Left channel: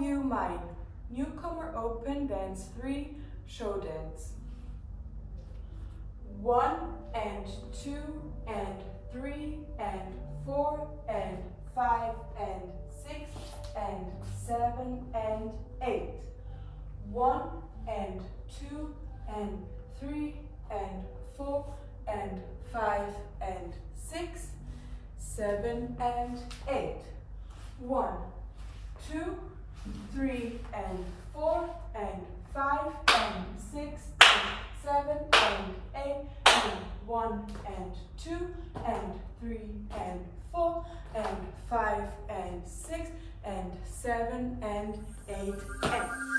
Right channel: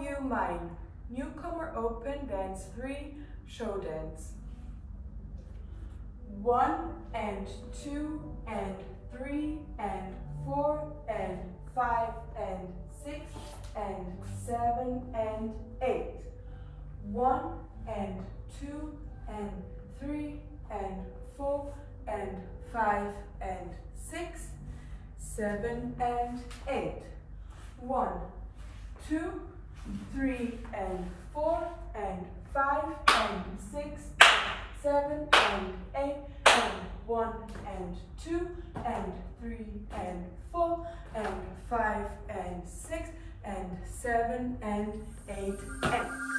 You Mine, Newcomer Open Dance 3, Showdance. 1 and 2 and 3 and 4 and 5 and 6 and 7 and 8. 1 and 2 and 3 and 4 and 5 and 6, 7 and 8. 1, 2, 3 and 4 and 5 and 6 and 7 and 8 and 1 and 2 and 3 and 4 and 5 and 6 and 7 and 8 and